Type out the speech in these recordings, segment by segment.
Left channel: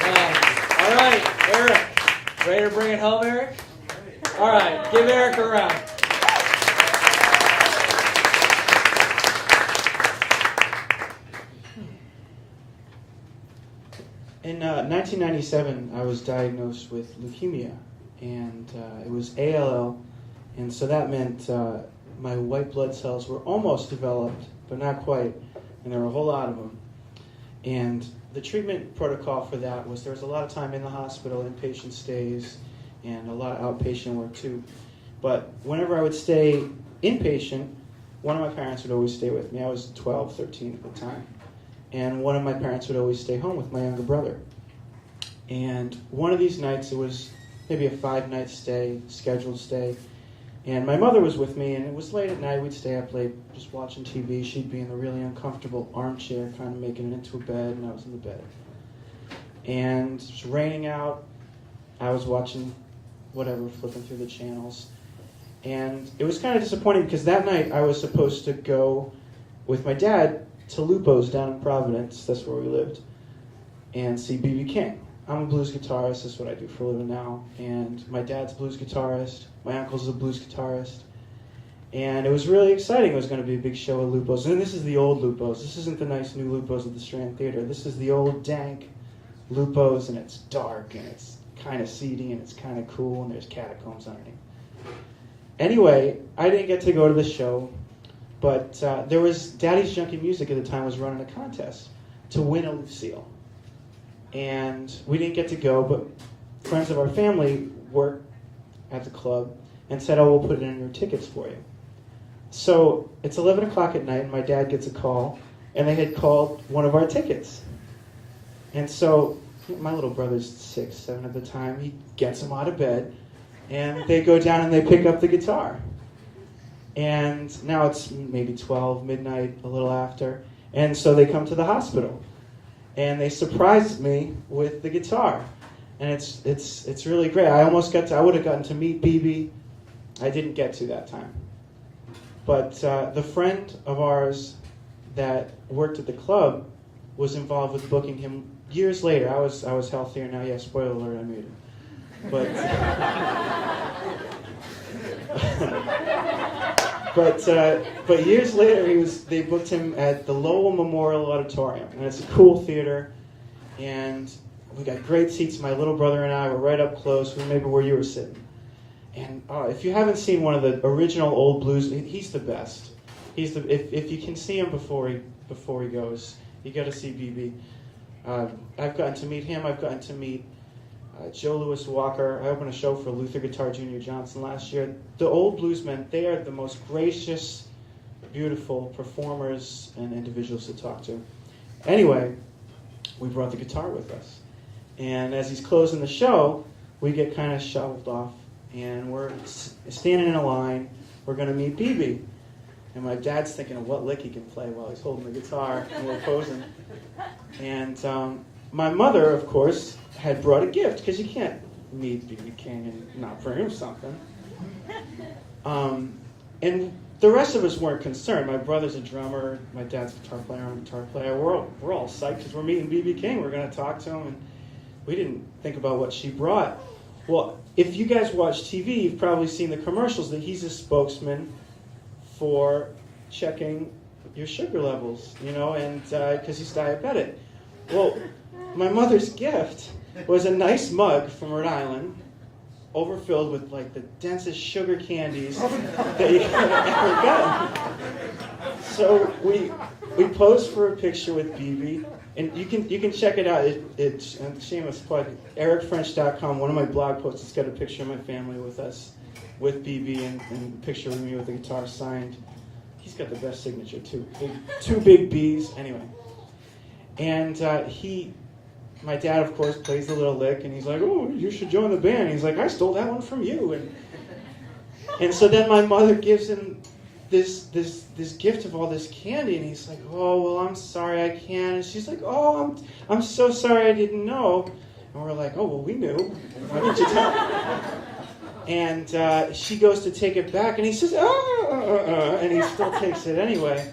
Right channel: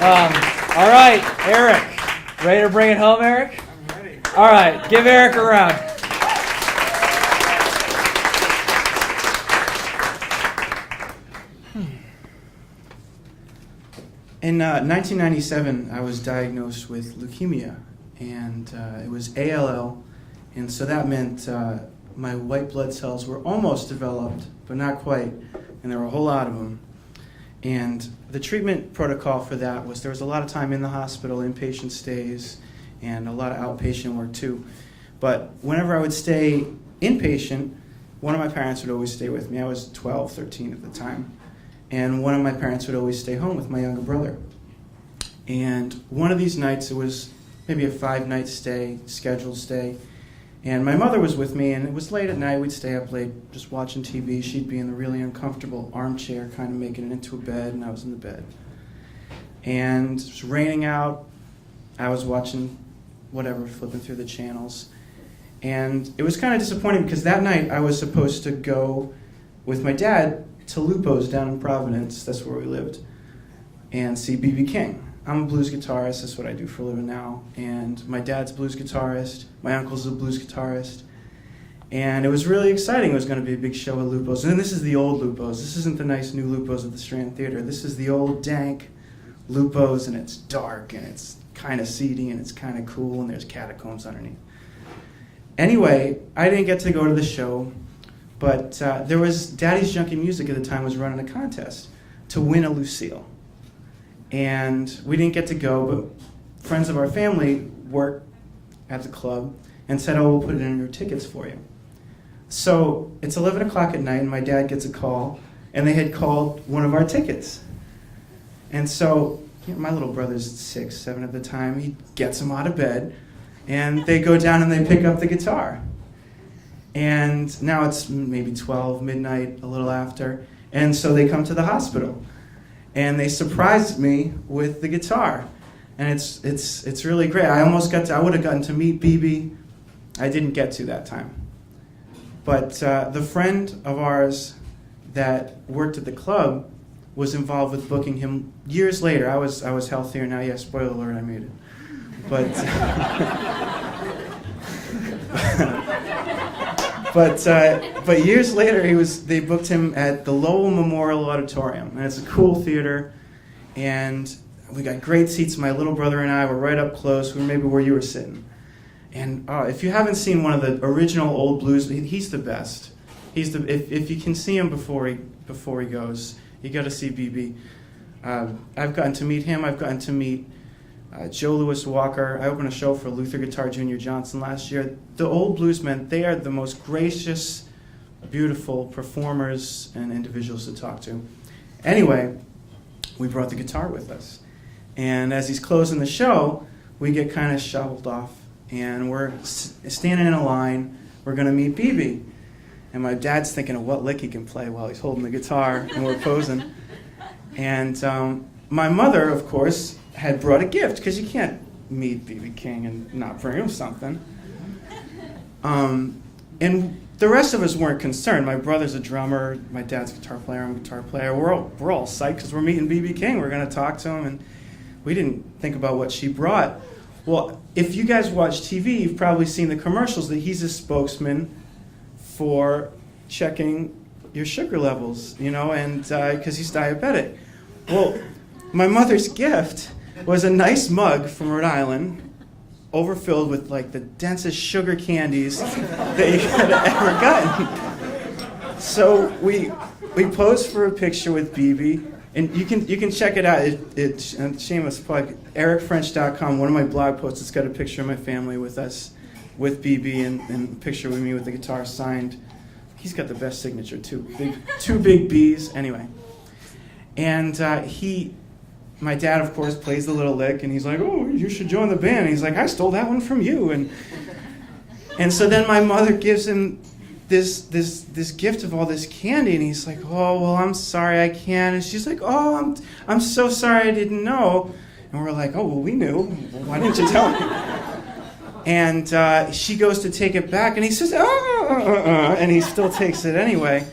All right, Eric. Ready to bring it home, Eric? I'm ready. All right, give Eric a round. In 1997, I was diagnosed with leukemia, and it was ALL, and so that meant my white blood cells were almost developed, but not quite, and there were a whole lot of them. And the treatment protocol for that was there was a lot of time in the hospital, inpatient stays, and a lot of outpatient work too. But whenever I would stay inpatient, one of my parents would always stay with me. I was 12, 13 at the time. And one of my parents would always stay home with my younger brother. And one of these nights, it was maybe a 5-night stay, scheduled stay. And my mother was with me, and it was late at night. We'd stay up late just watching TV. She'd be in a really uncomfortable armchair, kind of making it into a bed, and I was in the bed. And it was raining out. I was watching whatever, flipping through the channels. And it was kind of disappointing because that night I was supposed to go with my dad to Lupo's down in Providence, that's where we lived, and see B.B. King. I'm a blues guitarist, that's what I do for a living now, and my dad's a blues guitarist, my uncle's a blues guitarist, and it was really exciting. It was going to be a big show at Lupo's, and this is the old Lupo's. This isn't the nice new Lupo's at the Strand Theater. This is the old dank Lupo's, and it's dark, and it's kind of seedy, and it's kind of cool, and there's catacombs underneath. Anyway, I didn't get to go to the show, but there was Daddy's Junkie Music at the time was running a contest to win a Lucille. And we didn't get to go, but friends of our family worked at the club and said, oh, we'll put it in your tickets for you. So it's 11 o'clock at night, and my dad gets a call, and they had called one of our tickets. And so my little brother's 6, 7 at the time, he gets him out of bed, and they go down and they pick up the guitar. And now it's maybe 12, midnight, a little after. And so they come to the hospital. And they surprised me with the guitar. And it's really great. I would have gotten to meet BB. I didn't get to that time. But the friend of ours that worked at the club was involved with booking him years later. I was healthier now. Yeah, spoiler alert, I made it. But years later, they booked him at the Lowell Memorial Auditorium, and it's a cool theater, and we got great seats. My little brother and I were right up close, maybe where you were sitting. And if you haven't seen one of the original old blues, he's the best. If you can see him before he goes, you got to see BB. I've gotten to meet him. I've gotten to meet Joe Louis Walker. I opened a show for Luther Guitar Jr. Johnson last year. The old bluesmen, they are the most gracious, beautiful performers and individuals to talk to. Anyway, we brought the guitar with us. And as he's closing the show, we get kind of shuffled off. And we're standing in a line. We're going to meet BB. And my dad's thinking of what lick he can play while he's holding the guitar, and we're posing. And my mother, of course, had brought a gift, because you can't meet B.B. King and not bring him something. And the rest of us weren't concerned. My brother's a drummer, my dad's a guitar player, I'm a guitar player. We're all psyched because we're meeting B.B. King. We're going to talk to him, and we didn't think about what she brought. Well, if you guys watch TV, you've probably seen the commercials that he's a spokesman for checking your sugar levels, and because he's diabetic. Well, my mother's gift was a nice mug from Rhode Island, overfilled with like the densest sugar candies that you could have ever gotten. So we posed for a picture with BB, and you can check it out. It's shameless plug. EricFrench.com. One of my blog posts. It's got a picture of my family with us, with BB, and a picture with me with the guitar signed. He's got the best signature too. Two big B's. Anyway, and my dad, of course, plays the little lick, and he's like, "Oh, you should join the band." And he's like, "I stole that one from you." And so then my mother gives him this gift of all this candy, and he's like, "Oh, well, I'm sorry, I can't." And she's like, "Oh, I'm so sorry, I didn't know." And we're like, "Oh, well, we knew. Why didn't you tell me?" And she goes to take it back, and he says, and he still takes it anyway,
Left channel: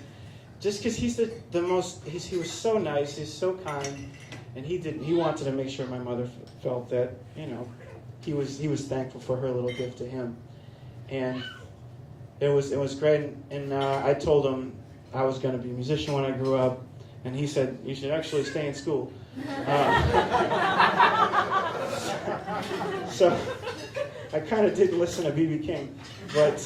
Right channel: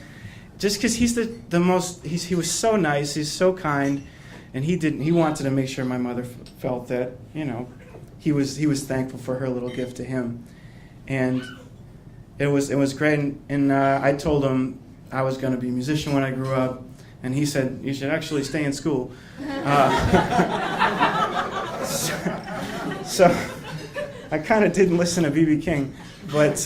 just because he's the most. He was so nice, he's so kind. and he wanted to make sure my mother felt that, you know, he was thankful for her little gift to him, and it was great. And I told him I was going to be a musician when I grew up, and he said, you should actually stay in school. So I kind of didn't listen to B.B. King, but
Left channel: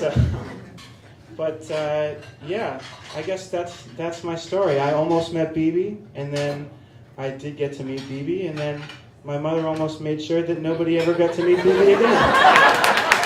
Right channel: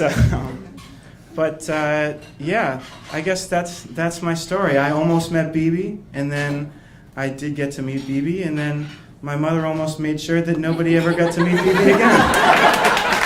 yeah, I guess that's my story. I almost met B.B., and then I did get to meet B.B., and then my mother almost made sure that nobody ever got to meet B.B. again.